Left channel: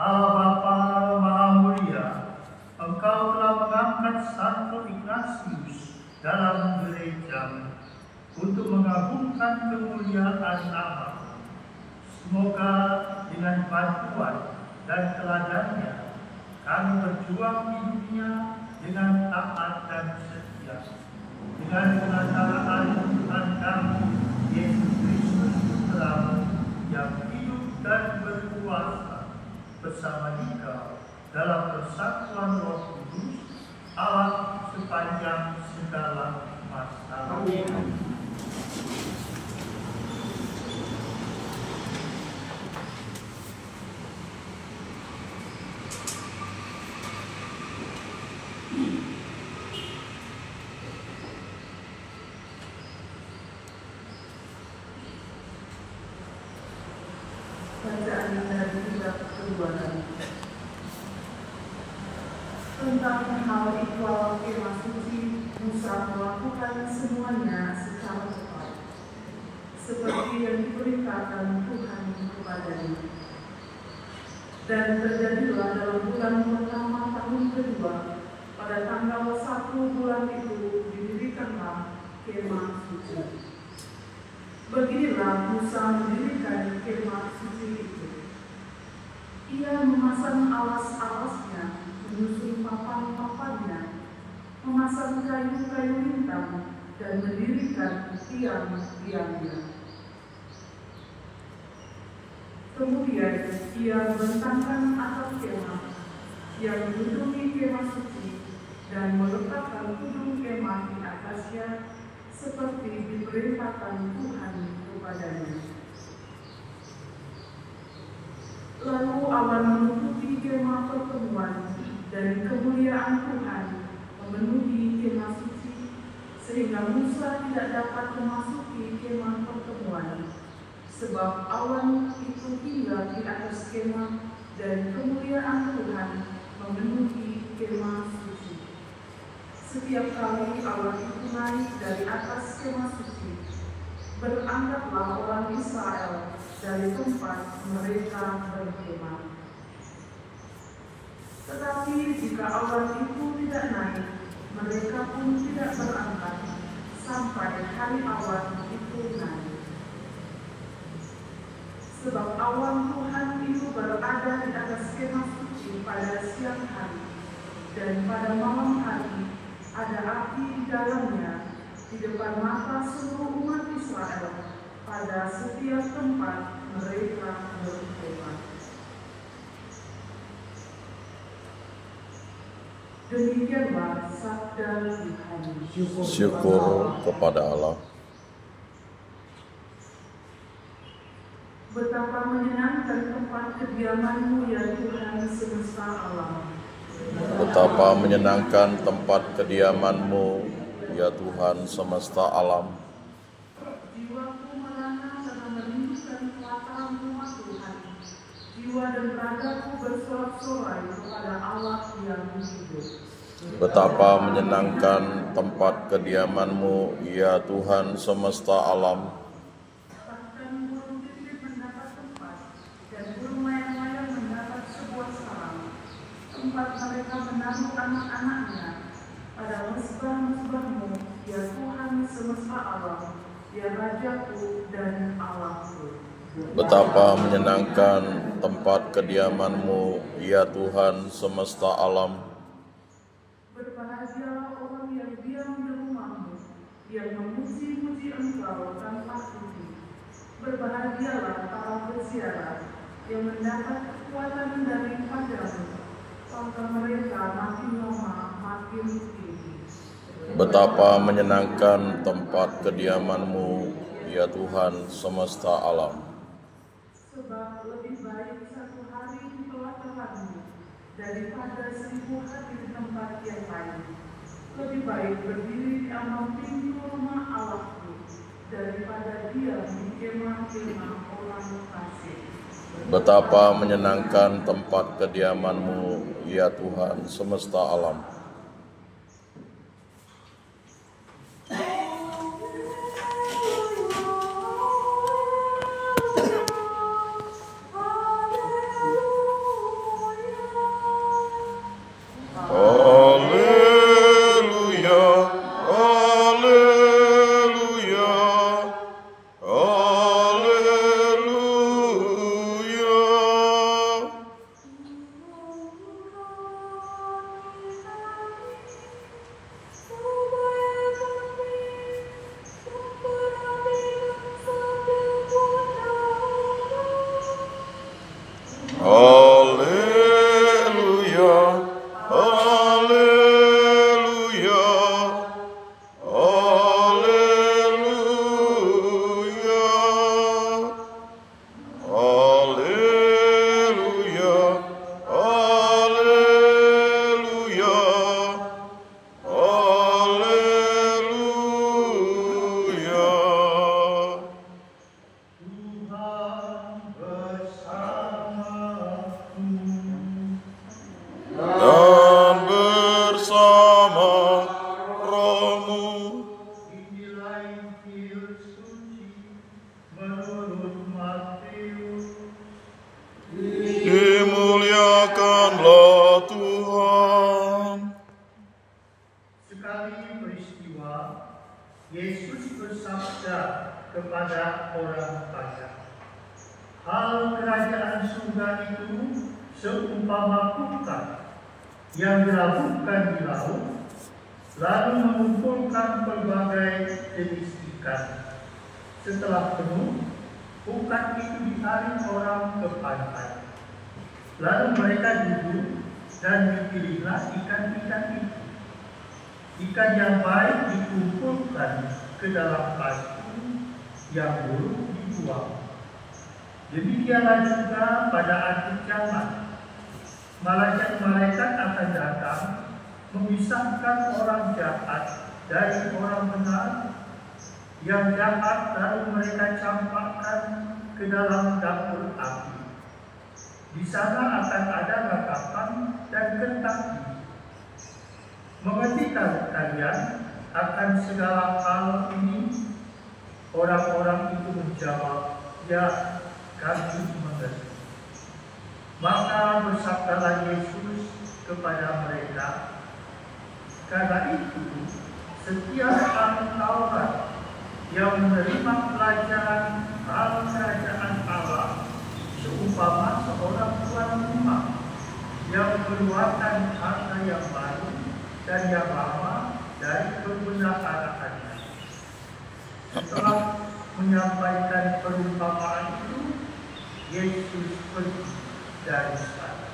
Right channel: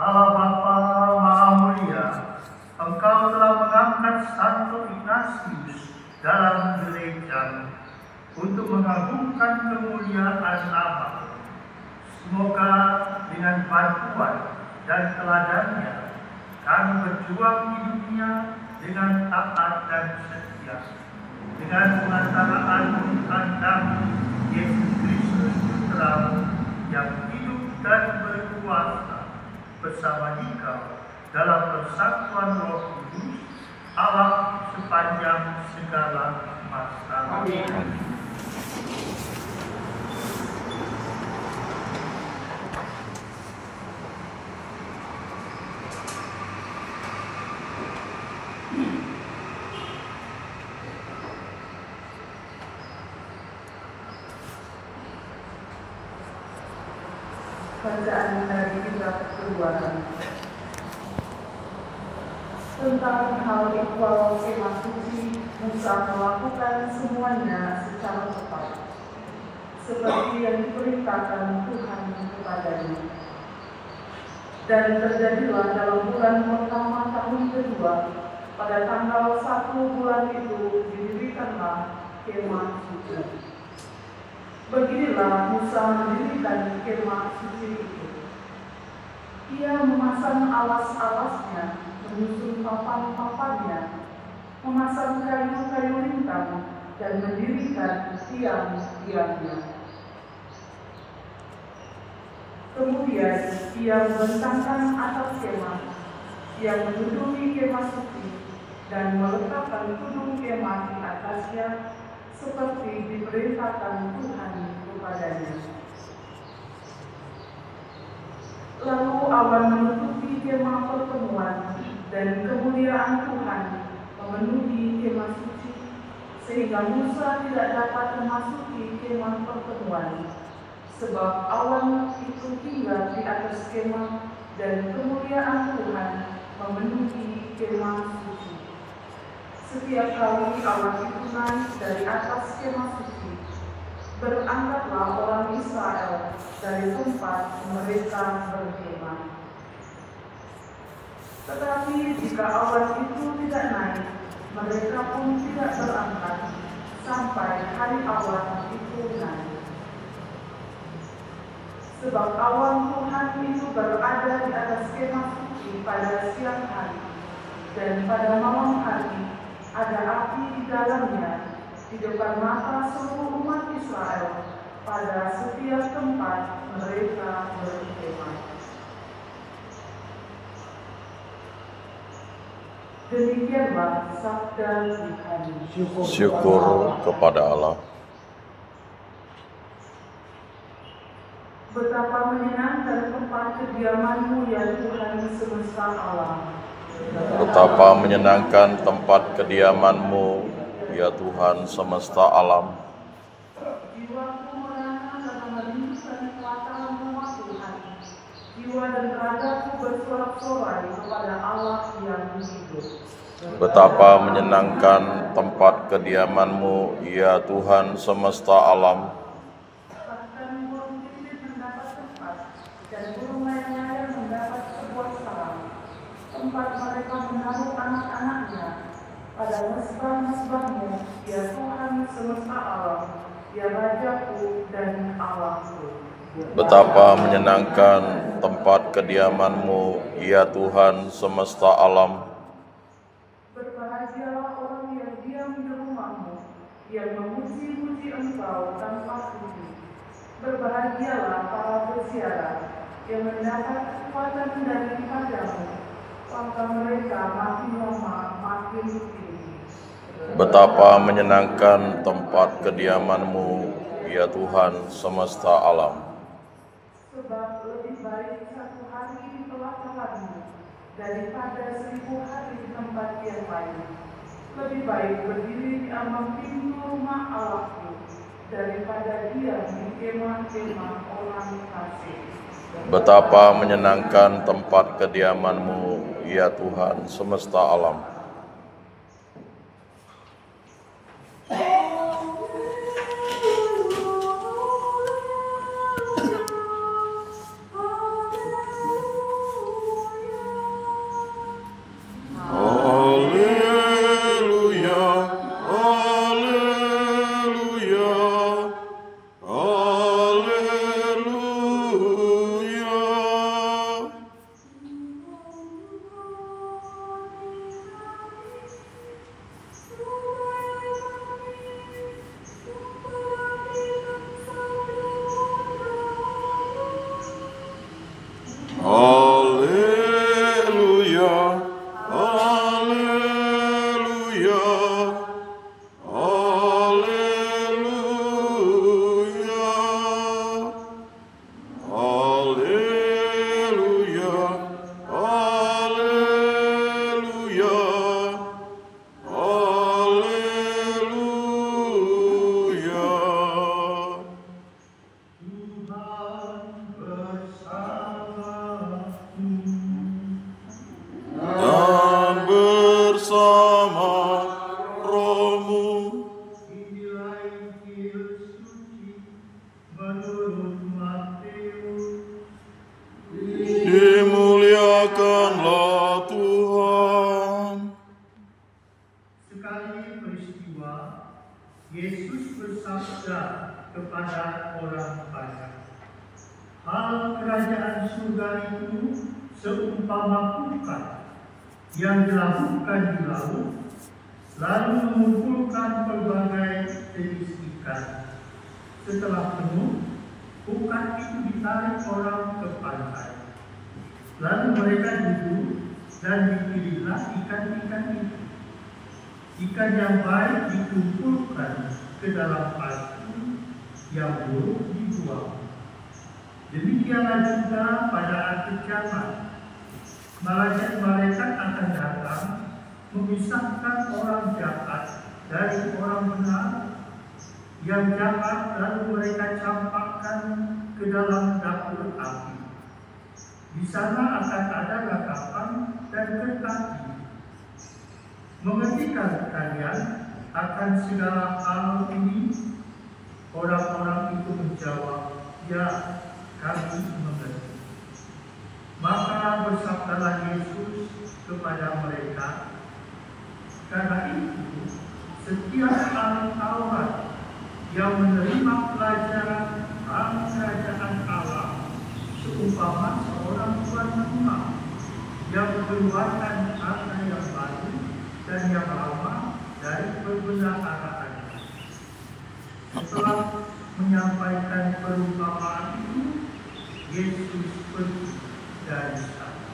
Allah Bapa Maha Mulia, Engkau telah mengangkat Santo Ignatius dalam gereja untuk mengagungkan kemuliaan Allah. Semoga dengan bantuan dan teladannya kami berjuang di dunia dengan taat dan setia, dengan pengantaraan andamu Yesus Kristus Putramu yang hidup dan berkuasa bersama Dikau dalam persatuan Roh Kudus, Allah sepanjang segala masa. Amin. Bacaan dari kitab Keluaran. Tentang hal ikhwal kemah suci, Musa melakukan semuanya secara tepat, seperti yang diperintahkan Tuhan kepadanya. Dan terjadilah dalam bulan pertama tahun kedua, pada tanggal 1 bulan itu didirikanlah kemah suci. Beginilah Musa mendirikan kemah suci itu. Ia memasang alas-alasnya, menyusun papan-papannya, memasang kayu-kayu lintang, dan mendirikan tiang-tiangnya. Kemudian ia membentangkan atap kemah yang menudungi kemah suci dan meletakkan tudung kemah di atasnya, seperti diperintahkan Tuhan kepadanya. Lalu awan menutupi kemah pertemuan dan kemuliaan Tuhan memenuhi kemah suci, sehingga Musa tidak dapat memasuki kemah pertemuan, sebab awan itu tinggal di atas kemah dan kemuliaan Tuhan memenuhi kemah suci. Setiap kali awan itu naik dari atas kemah suci, berangkatlah orang Israel dari tempat mereka berkemah. Tetapi jika awan itu tidak naik, mereka pun tidak berangkat sampai hari awan itu naik. Sebab awan Tuhan itu berada di atas kemah suci pada siang hari, dan pada malam hari ada api di dalamnya, di depan mata seluruh umat Israel pada setiap tempat mereka berkemah. Demikianlah sabda Tuhan. Syukur kepada Allah. Betapa menyenangkan tempat kediaman-Mu ya Tuhan semesta alam. Betapa menyenangkan tempat kediaman-Mu ya Tuhan semesta alam. Jiwaku menahan dan merindukan kelakaran-Mu Tuhan. Jiwa dan ragaku bersorak-sorai kepada Allah yang hidup. Betapa menyenangkan tempat kediaman-Mu ya Tuhan semesta alam. Bahkan burung pipit mendapat tempat, dan burung layang-layang mendapat sebuah sarang, tempat mereka menaruh anak-anaknya. Pada mesbah-mesbah-Mu, ya Tuhan semesta alam, ya Rajaku dan Allahku. Betapa menyenangkan tempat kediaman-Mu ya Tuhan semesta alam. Berbahagialah orang yang diam di rumah-Mu, yang memuji-muji Engkau tanpa puji. Berbahagialah para peziarah yang mendapat kekuatan daripada-Mu, langkah mereka makin lama makin tinggi. Betapa menyenangkan tempat kediaman-Mu ya Tuhan semesta alam. Sebab lebih baik satu hari di pelataran-Mu daripada 1000 hari di tempat yang lain. Lebih baik berdiri di ambang pintu rumah Allahku daripada diam di kemah-kemah orang fasik. Betapa menyenangkan tempat kediaman-Mu ya Tuhan semesta alam. surga itu seumpama pukat yang dilabuhkan di laut, lalu mengumpulkan berbagai jenis ikan. Setelah penuh, pukat itu ditarik orang ke pantai. Lalu mereka duduk dan dipilihlah ikan-ikan itu. Ikan yang baik dikumpulkan ke dalam plastik, yang buruk dibuang. Demikianlah juga pada akhir zaman. Malaikat akan datang memisahkan orang jahat dari orang benar. Yang jahat lalu mereka campakkan ke dalam dapur api. Di sana akan ada ratapan dan ketaki. Mengertikan kalian akan segala hal ini? Orang-orang itu menjawab, ya, kami mengerti. Maka bersabdalah Yesus kepada mereka, karena itu setiap anak Taurat yang menerima pelajaran hal kerajaan Allah seumpama seorang tuan rumah yang mengeluarkan harta yang baru dan yang lama dari perbendaharaan. Setelah menyampaikan perumpamaan itu, Yesus pergi dari sana.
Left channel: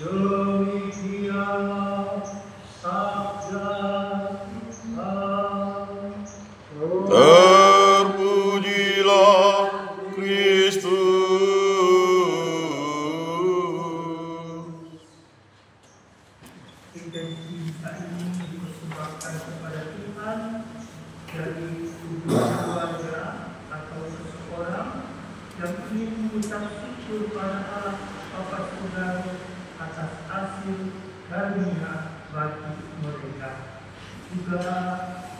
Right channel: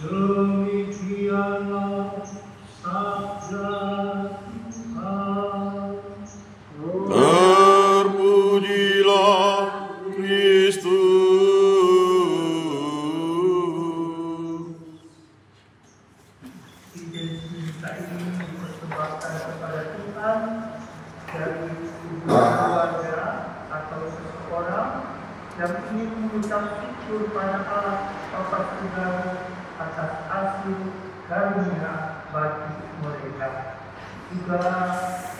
Demikianlah sabda Tuhan. Terpujilah Kristus. Intensi kita ini dipersembahkan kepada Tuhan dari keluarga atau seseorang yang ingin mengucap syukur pada Allah Bapa Tunggal atas hasil karunia bagi mereka. Juga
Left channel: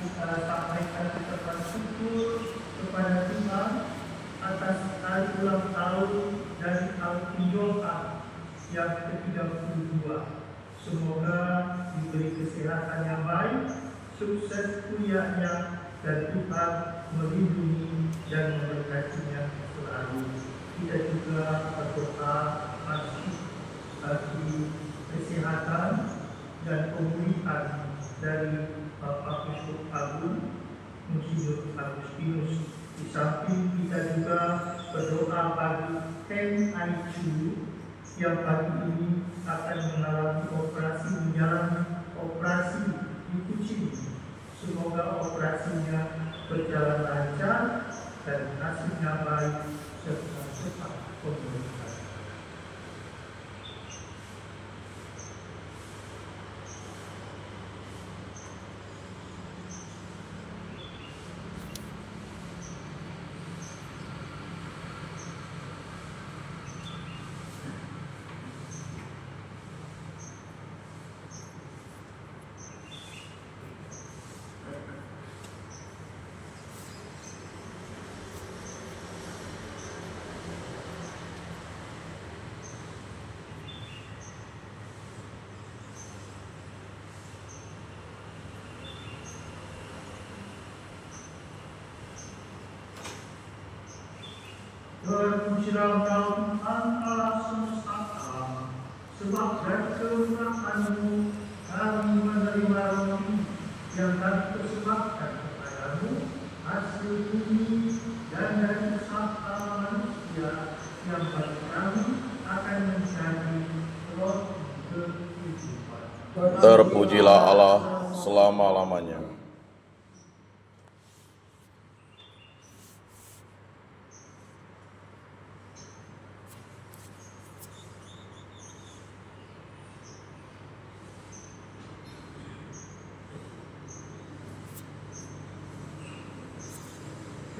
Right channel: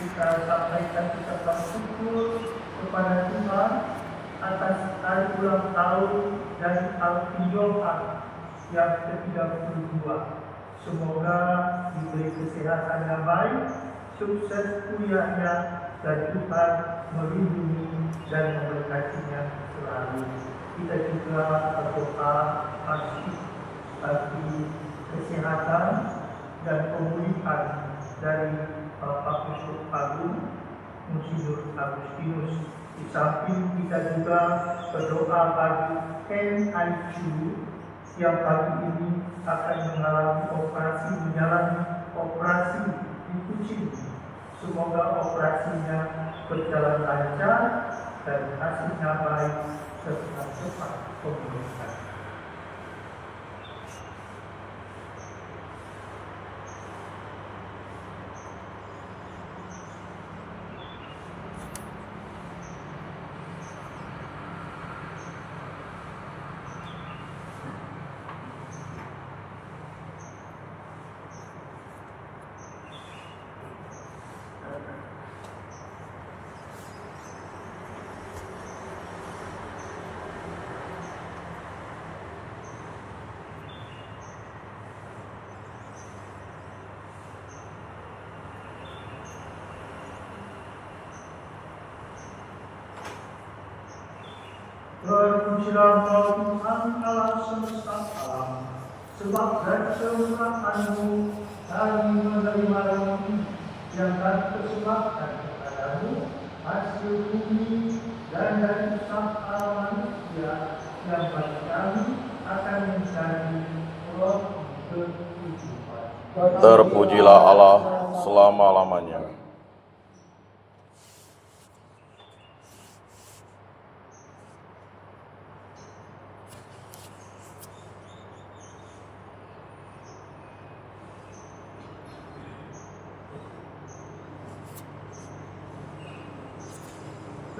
kita sampaikan ucapan syukur kepada Tuhan atas hari ulang tahun dari Al-Pinjohan yang ke-32. Semoga diberi kesehatan yang baik, sukses kuliahnya, dan Tuhan melindungi dan memberkatinya selalu. Kita juga berdoa bagi kesehatan dan pemulihan dari Bapak Biskup Agung Monsignor Agustinus. Di samping kita juga berdoa bagi Ken Aichu yang pagi ini akan menjalani operasi di kucing. Semoga operasinya berjalan lancar dan hasilnya baik serta cepat pemulihan. Berpujilah Tuhan Allah semesta alam, sebab dari kemurahan-Mu kami menerima roti yang kami persembahkan kepadamu, hasil bumi dan dari usaha manusia yang bagi kami akan menjadi roti kehidupan. Terpujilah Allah selama-lamanya.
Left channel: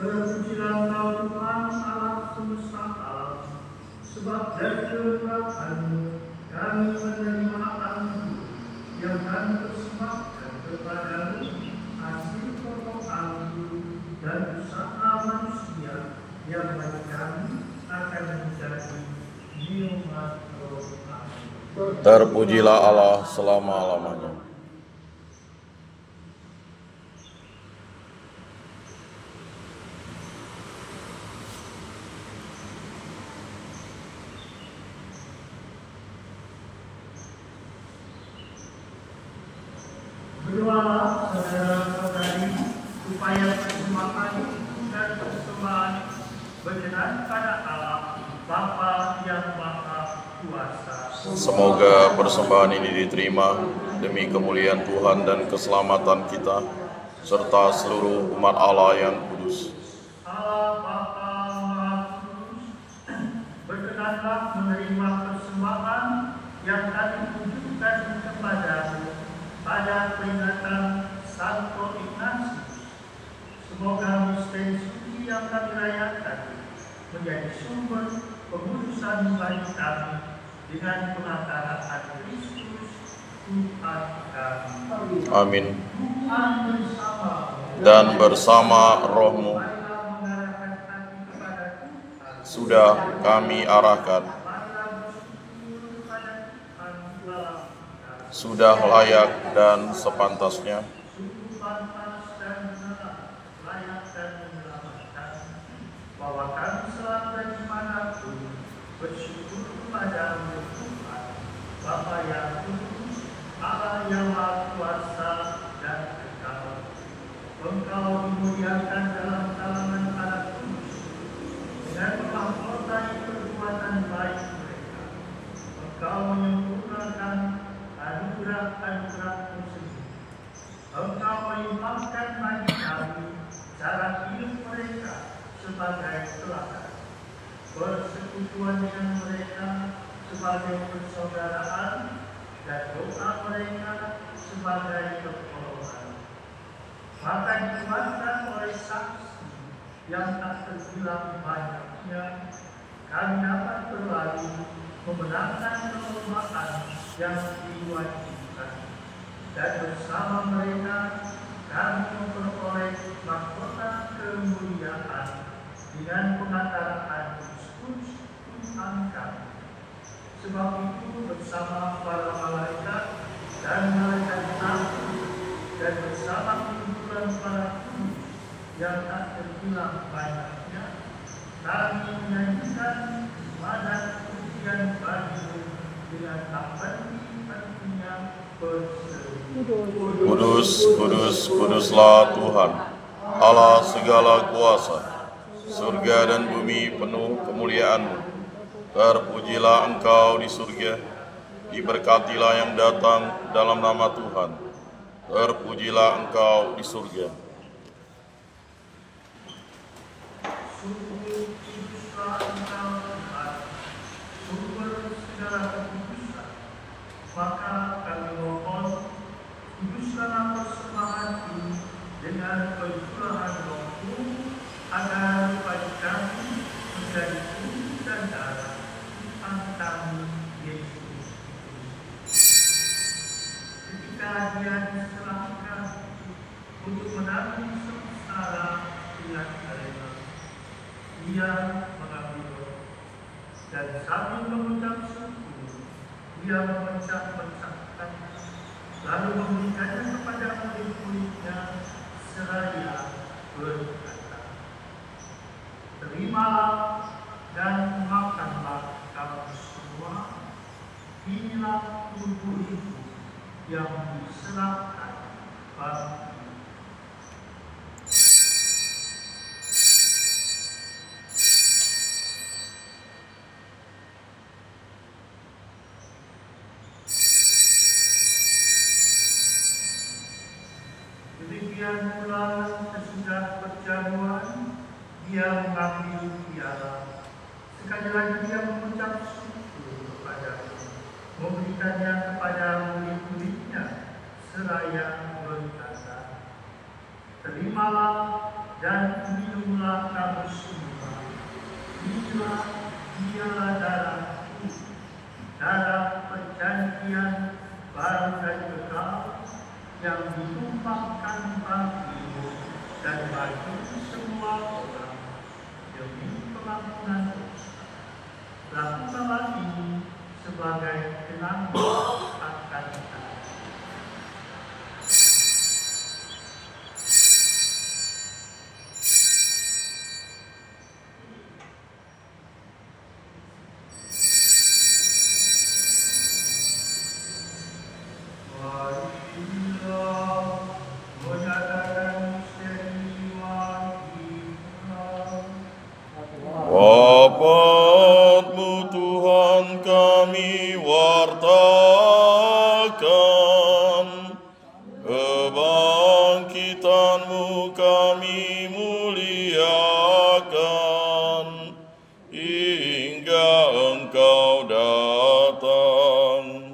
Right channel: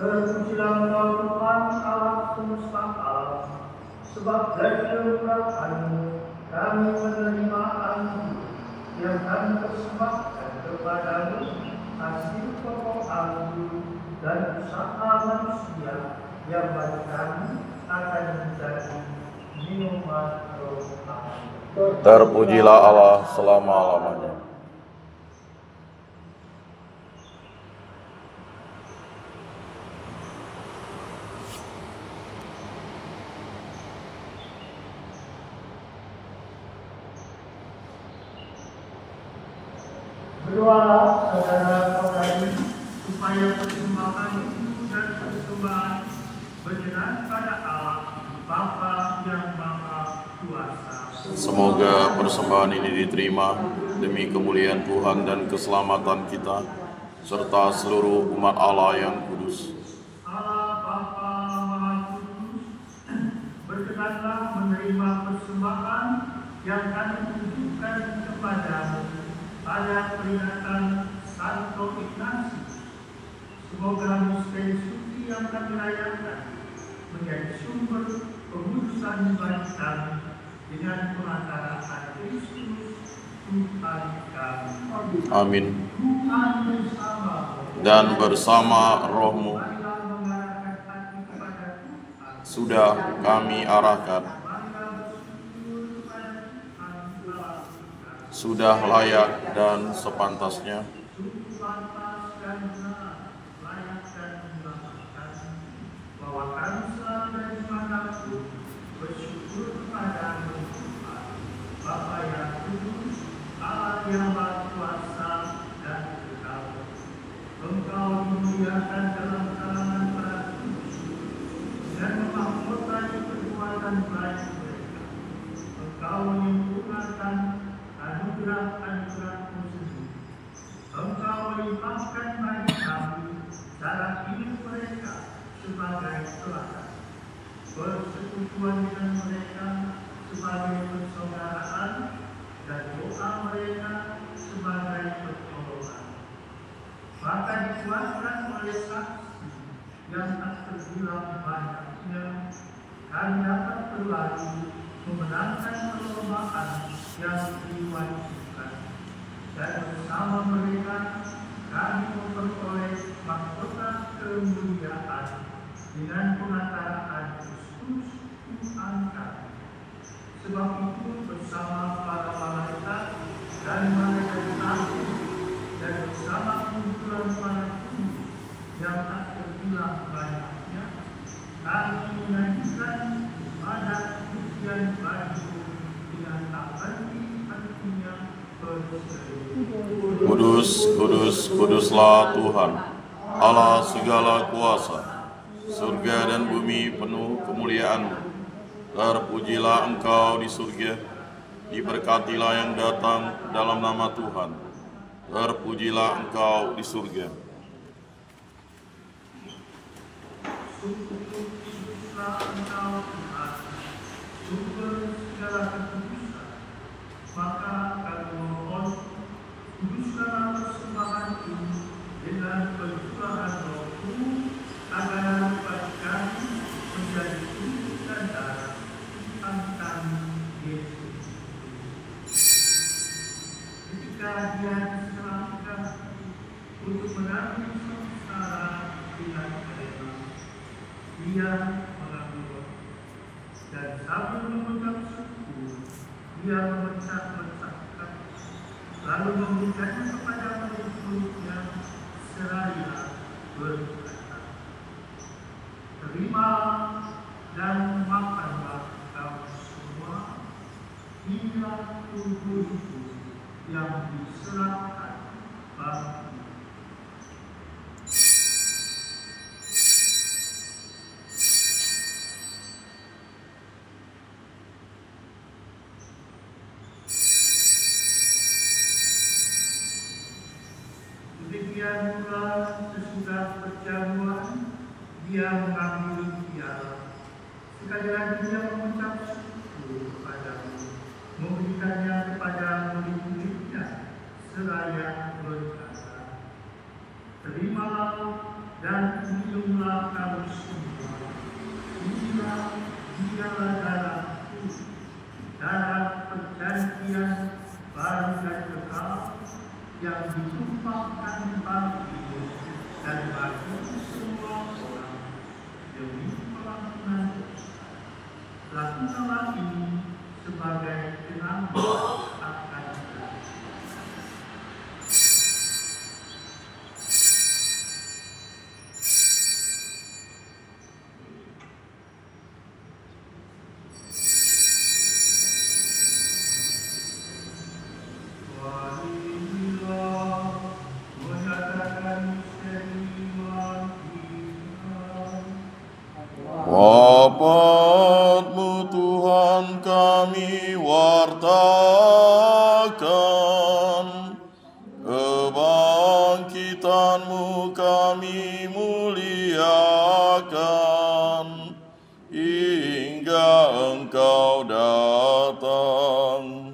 Terpujilah Tuhan Allah semesta alam, sebab dari kemurahan-Mu kami menerima anggur yang kami persembahkan kepadamu, hasil pokok anggur dan usaha manusia yang bagi kami akan menjadi minuman roh Allah. Terpujilah Allah selama-lamanya. Berdoalah saudara-saudari supaya persembahan dan persembahan berkenan pada Allah Bapa yang Maha Kuasa. Semoga persembahan ini diterima demi kemuliaan Tuhan dan keselamatan kita, serta seluruh umat Allah yang kudus. Allah Bapa Maha Kudus, berkenanlah menerima persembahan yang kami tunjukkan kepadamu pada peringatan Santo Ignatius. Semoga misteri suci yang kami rayakan menjadi sumber pengudusan bagi kami dengan pengantaraan Kristus Tuhan kami. Amin. Tuhan bersama Dan bersama rohmu mengarahkan hati kepada Tuhan. sudah kami arahkan, sudah layak dan sepantasnya. Bahwa kami selalu dan dimanapun bersyukur kepadamu Tuhan, Bapa yang kudus, Allah yang Maha Kuasa dan kekal. Engkau dimuliakan dalam kalangan para kudus dengan memahkotai perbuatan baik mereka. Engkau menyempurnakan anugerah-anugerah-Mu sendiri. Engkau melimpahkan bagi kami cara hidup mereka sebagai teladan, persekutuan dengan mereka sebagai persaudaraan, dan doa mereka sebagai pertolongan. Maka dikuatkan oleh saksi yang tak terbilang banyaknya, kami dapat berlari memenangkan perlombaan yang diwajibkan, dan bersama mereka kami memperoleh mahkota kemuliaan dengan pengantaraan Kristus Tuhan kami. Sebab itu bersama para malaikat dan malaikat agung dan bersama kumpulan para kudus yang tak terbilang banyaknya, kami menyanyikan wadah pujian bagi-Mu dengan artinya Kudus, kudus, kuduslah Tuhan, Allah segala kuasa. Surga dan bumi penuh kemuliaan-Mu. Terpujilah Engkau di surga, diberkatilah yang datang dalam nama Tuhan. Terpujilah Engkau di surga. Maka kami mohon, kuduskanlah persembahan ini dengan percurahan Roh-Mu, agar bagi kami menjadi tubuh dan darah Tuhan kami Yesus. Ketika Dia diserahkan untuk menanggung sengsara dengan rela, Dia mengambil roh, dan sambil mengucap syukur, Dia memecah-mecahkan, lalu memberikannya kepada murid-muridnya seraya berkata, "Terimalah dan makanlah kamu semua, inilah tubuhku yang diserahkan bagimu." Demikian pula sesudah perjamuan, Dia mengambil piala. Sekali lagi Dia mengucap syukur kepada-Mu, memberikannya kepada murid-muridnya seraya berkata, "Terimalah dan minumlah kamu semua, inilah dialah darahku, darah perjanjian baru dan kekal, yang ditumpahkan bagimu dan bagi semua orang demi pengampunan dosa. Lakukanlah ini sebagai kenangan akan Aku." Marilah kami wartakan, kebangkitan-Mu kami muliakan, hingga Engkau datang.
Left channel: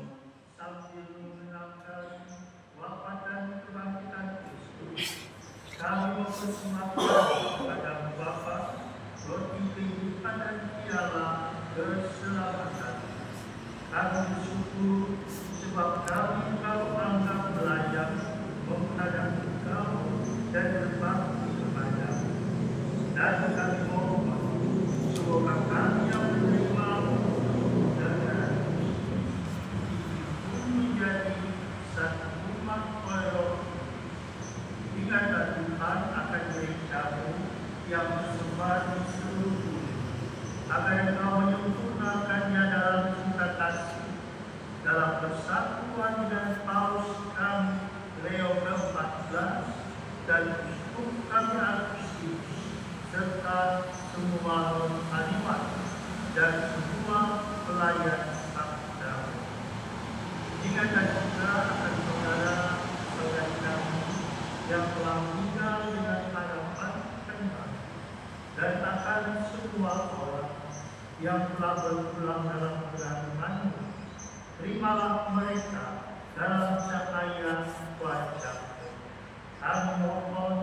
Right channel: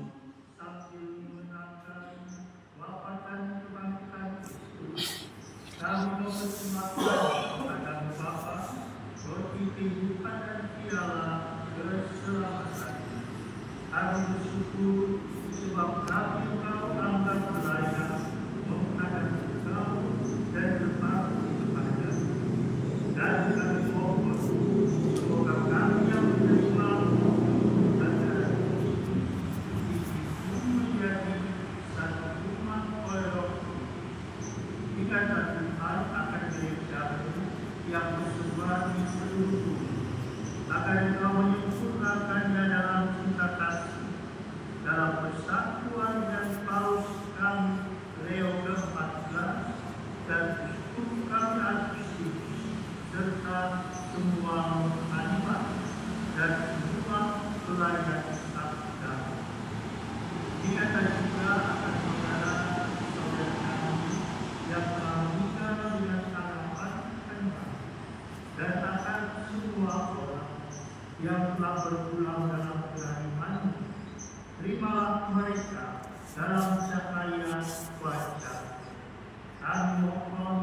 Kami bersyukur sebab kami Kau anggap layak menghadap Engkau dan berbakti kepadamu. Dan kami mohon semoga kami yang menerima-Mu dan menjadi satu umat oleh Roh dikata Tuhan akan gereja-Mu yang tersebar di seluruh bumi, agar Engkau menyempurnakannya dalam cinta kasih, dalam persatuan dengan Paus kami Leo ke-14 dan uskup kami Agustus, serta semua halimat dan semua pelayan sabda. Dikata juga akan saudara kami yang telah meninggal dengan harapan tenang, dan akan semua orang yang telah berpulang dalam keimanan. Terimalah mereka dalam cahaya wajah. Kami mohon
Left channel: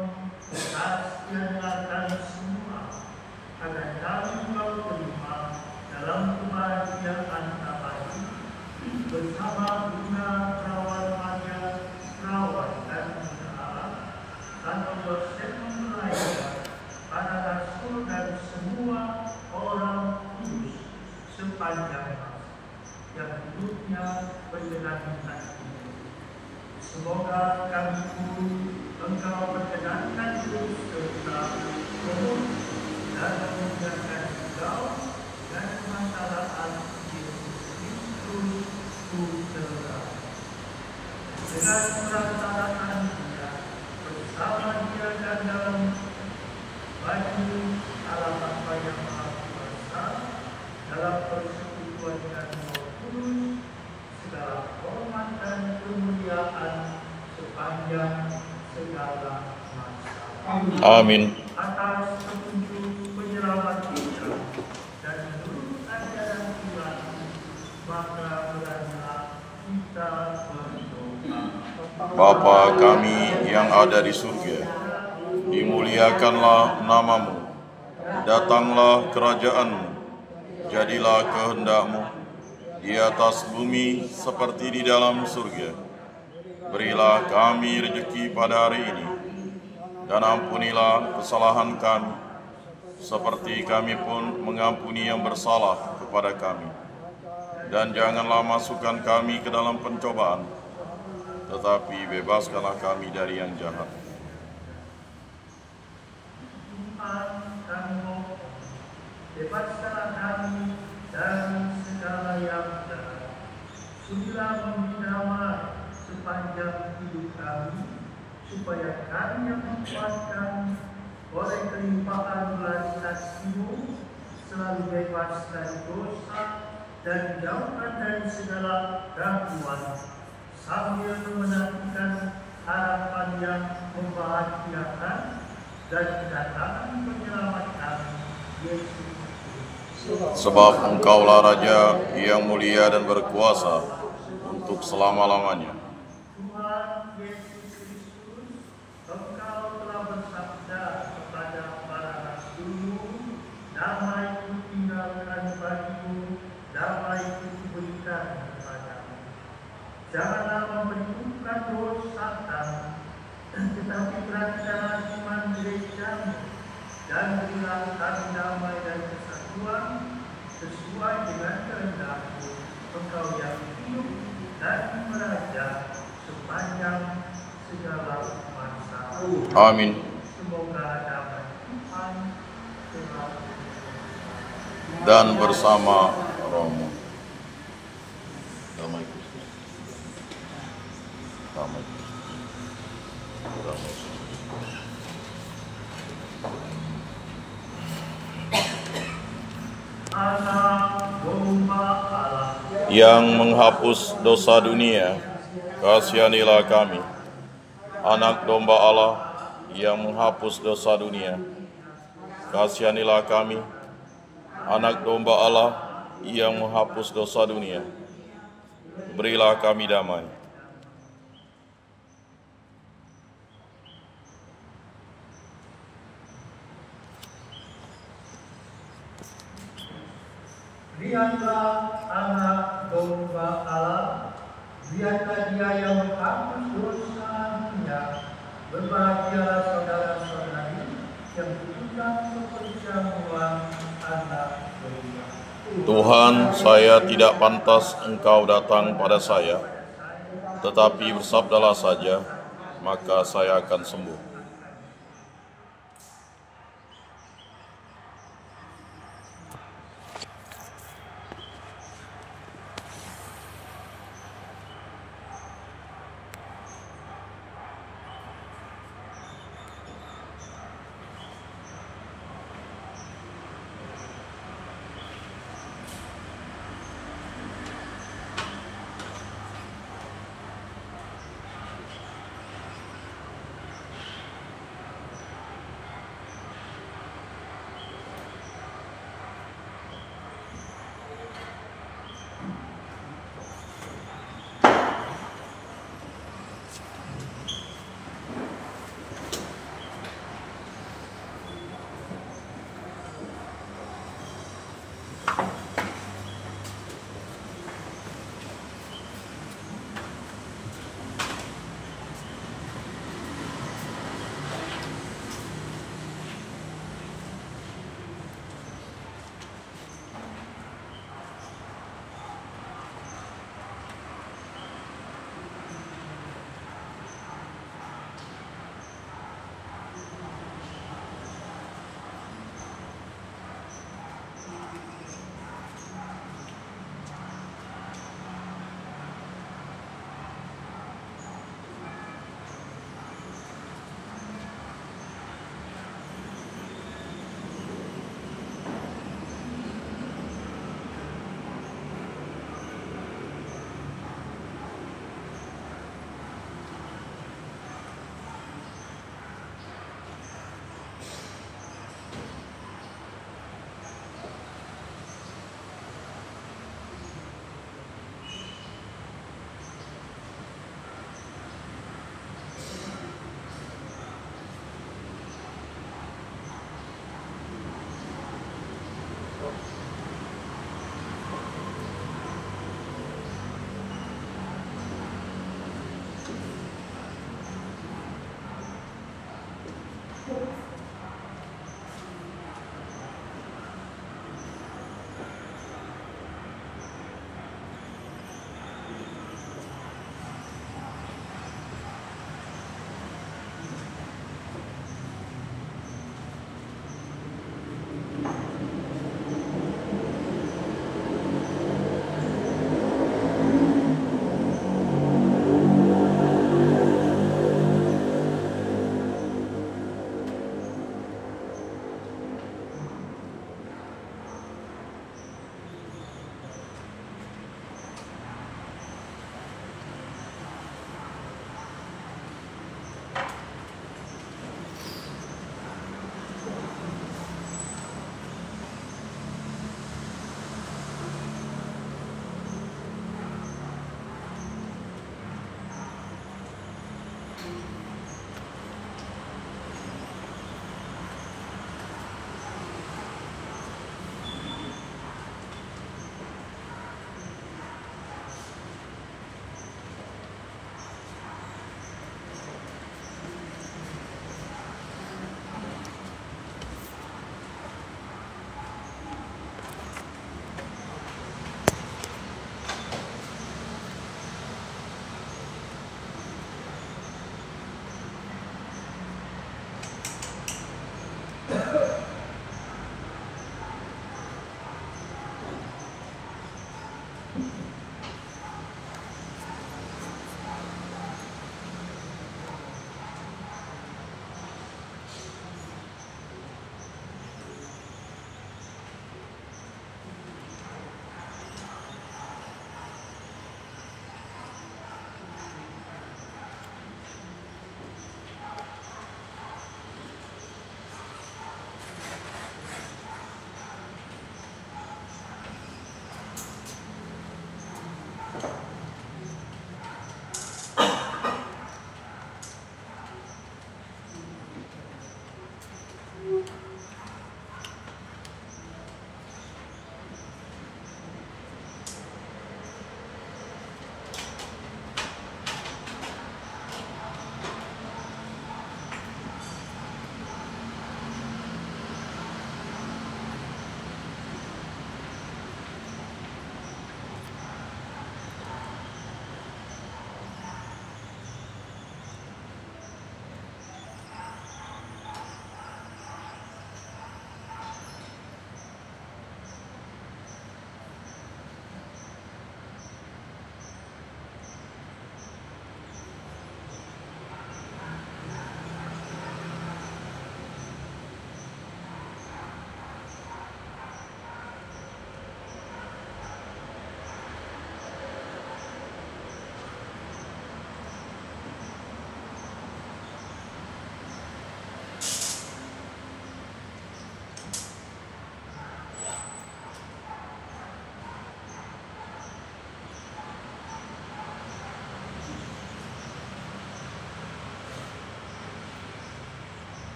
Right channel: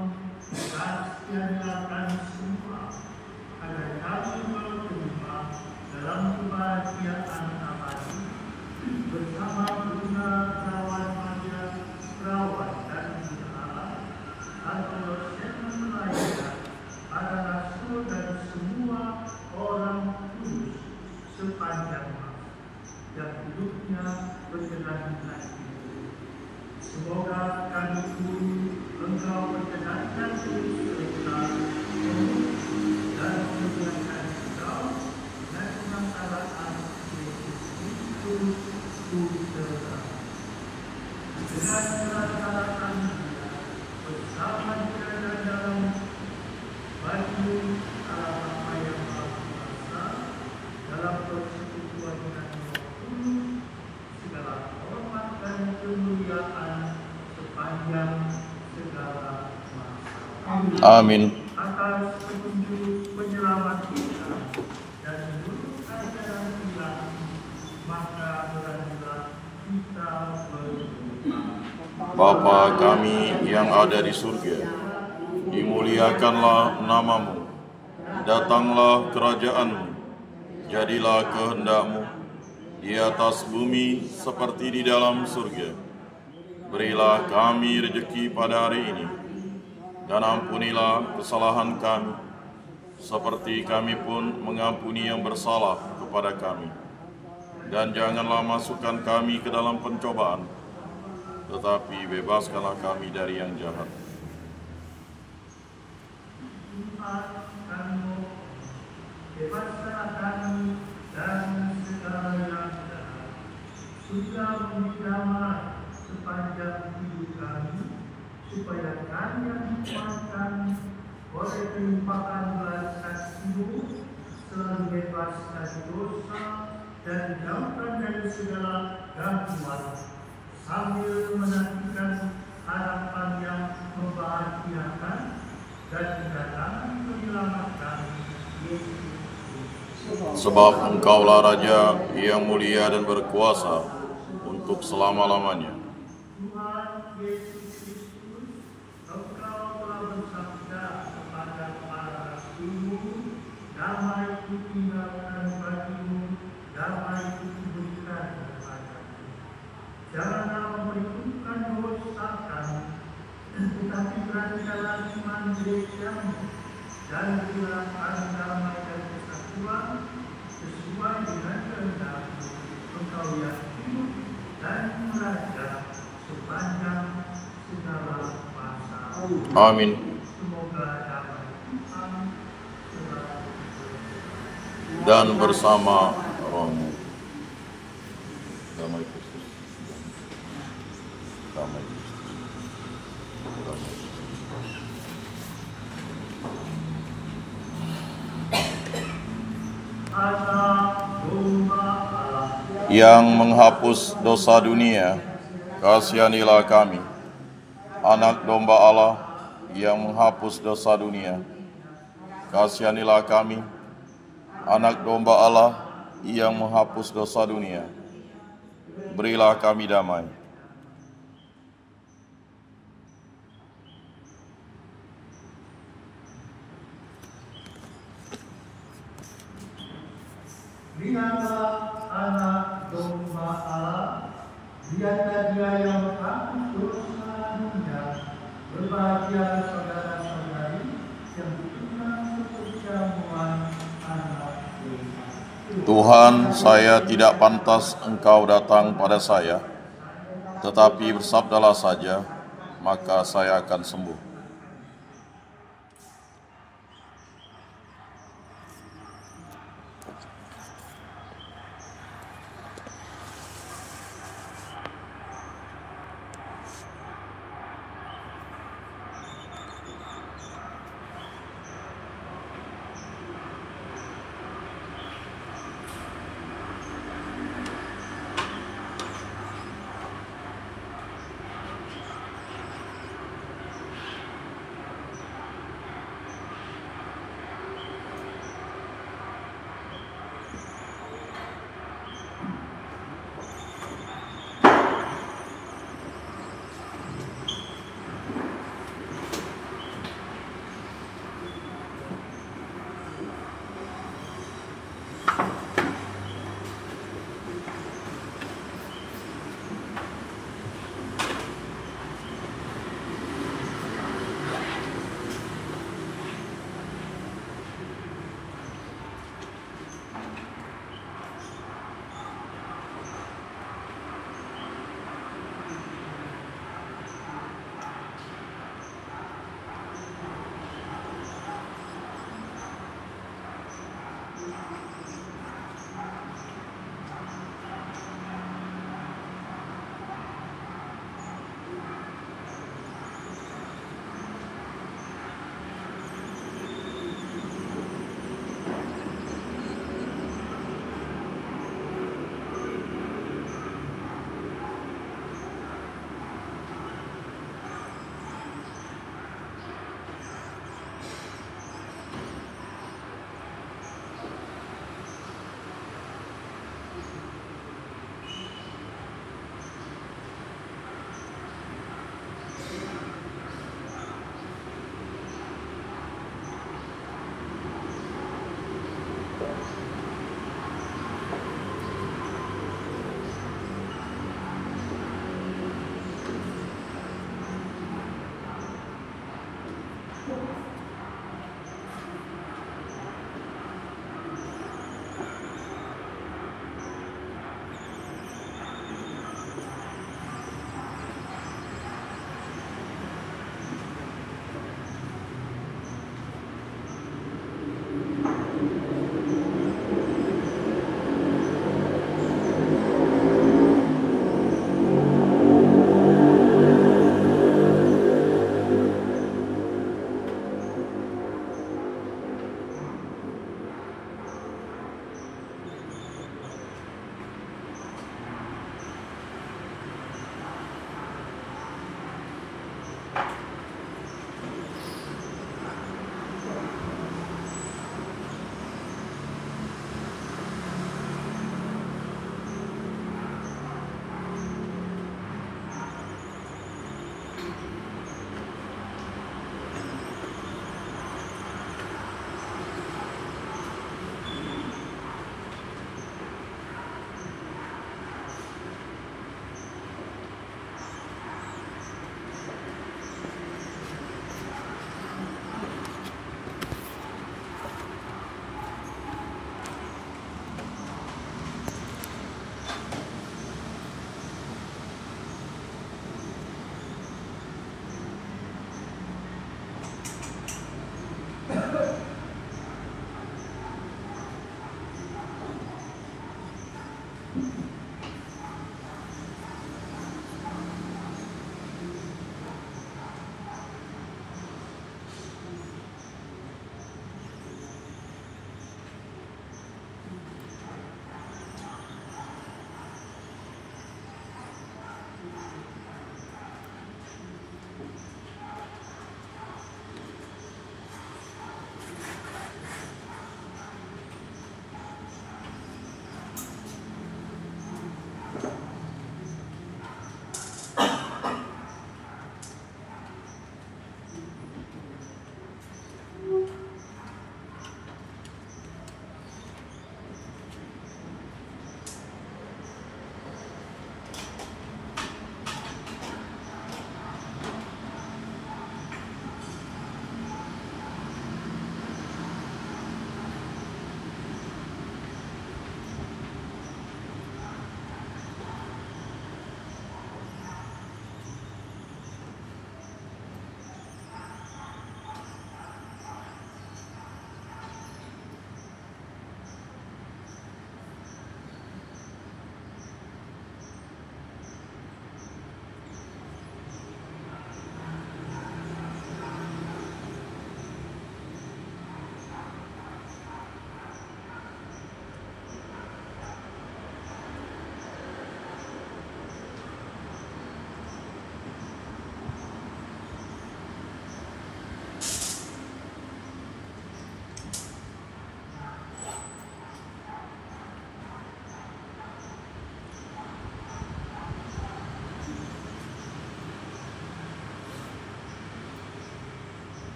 kasihanlah kami semua, agar kami juga terima dalam kebahagiaan abadi bersama Bunda Perawan Maria, Perawan dan Bunda Allah, Santo Yosef Maria, para rasul dan semua orang kudus sepanjang yang hidupnya berkenan lagi. Semoga kami pun Engkau berkenankan terus serta menolong dan memuliakan Engkau dan kemaslahatan Yesus Kristus Putra. Dengan melaksanakan Dia bersama Dia dan dalam baju alam apa yang maha kuasa dalam persekutuan dengan segala hormat dan kemuliaan sepanjang segala masa. Amin. Atas petunjuk penyelamat kita dan seluruh ajaran Tuhan, maka marilah kita berdoa. Bapa kami yang ada di surga, dimuliakanlah nama-Mu, datanglah kerajaan-Mu, jadilah kehendak-Mu di atas bumi seperti di dalam surga. Berilah kami rezeki pada hari ini, dan ampunilah kesalahan kami, seperti kami pun mengampuni yang bersalah kepada kami. Dan janganlah masukkan kami ke dalam pencobaan, tetapi bebaskanlah kami dari yang jahat. Bebaskanlah kami dari segala yang jahat, sudah memberi damai sepanjang hidup kami, supaya kami yang dikuatkan oleh kelimpahan belas kasih-Mu selalu bebas dari dosa dan jauhkan dari segala gangguan, sambil menantikan harapan yang membahagiakan dan kedatangan penyelamat kami, Yesus. Sebab Engkaulah Raja yang mulia dan berkuasa untuk selama-lamanya. Tuhan Yesus Kristus, Engkau telah bersabda kepada para rasul-Mu, damai-Ku tinggalkan bagimu, damai-Ku berikan kepadamu. Janganlah memperhitungkan dosa kamu, tetapi perhatikanlah iman gereja-Mu, dan berilah kami damai dan kesatuan sesuai dengan kehendak-Mu, Engkau yang hidup dan meraja sepanjang segala masa. Amin. Semoga damai Tuhan selalu Dan bersama rohmu. Damai Kristus. Damai Kristus. Damai Kristus. Allah domba Allah yang menghapus dosa dunia, kasihanilah kami. Anak domba Allah yang menghapus dosa dunia, kasihanilah kami. Anak domba Allah yang menghapus dosa dunia, berilah kami damai. Lihatlah anak domba Allah, lihatlah dia yang menghapus dosa dunia. Berbahagia saudara-saudari yang ikut perjamuan anak domba. Tuhan, saya tidak pantas Engkau datang pada saya, tetapi bersabdalah saja, maka saya akan sembuh.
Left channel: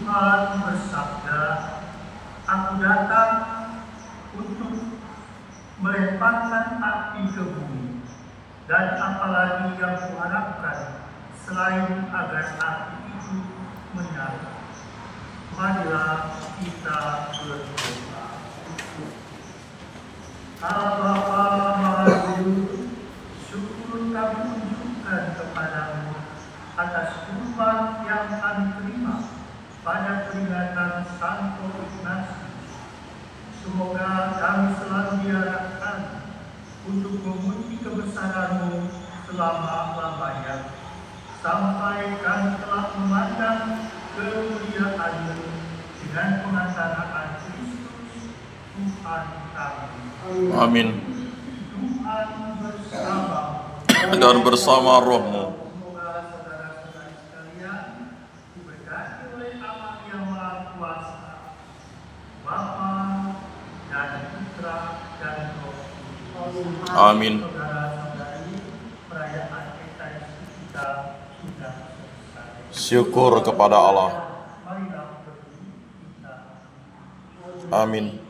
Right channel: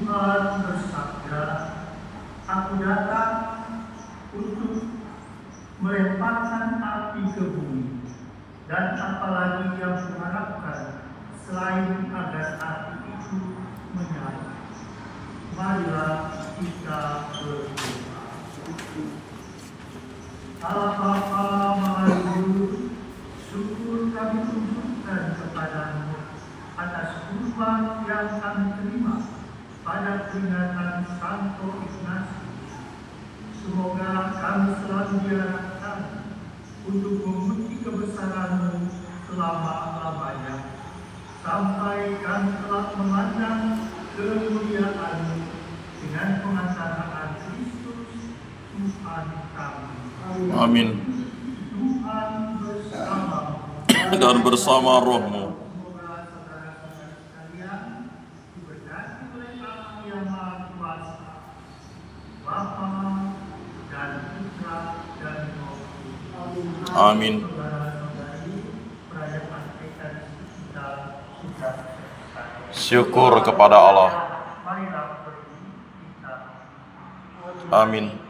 Tuhan bersabda, Aku datang untuk melemparkan api ke bumi, dan apalagi yang kuharapkan selain agar api itu menyala. Marilah kita berdoa. Allah Bapa Maha Guru, syukur kami tunjukkan kepadamu atas kurban yang kami terima pada peringatan Santo Ignatius. Semoga kami selalu diarahkan untuk memuji kebesaran-Mu selama-lamanya, sampai kami telah memandang kemuliaan-Mu dengan pengantaraan Kristus Tuhan kami. Amin. Tuhan bersama Dan bersama rohmu. Semoga saudara-saudara sekalian diberkati oleh Allah yang Maha Kuasa, Bapa dan Putra dan Roh Kudus. Amin. Saudara-saudari, perayaan Ekaristi kita sudah selesai. Syukur kepada Allah. Marilah berdiri kita. Amin.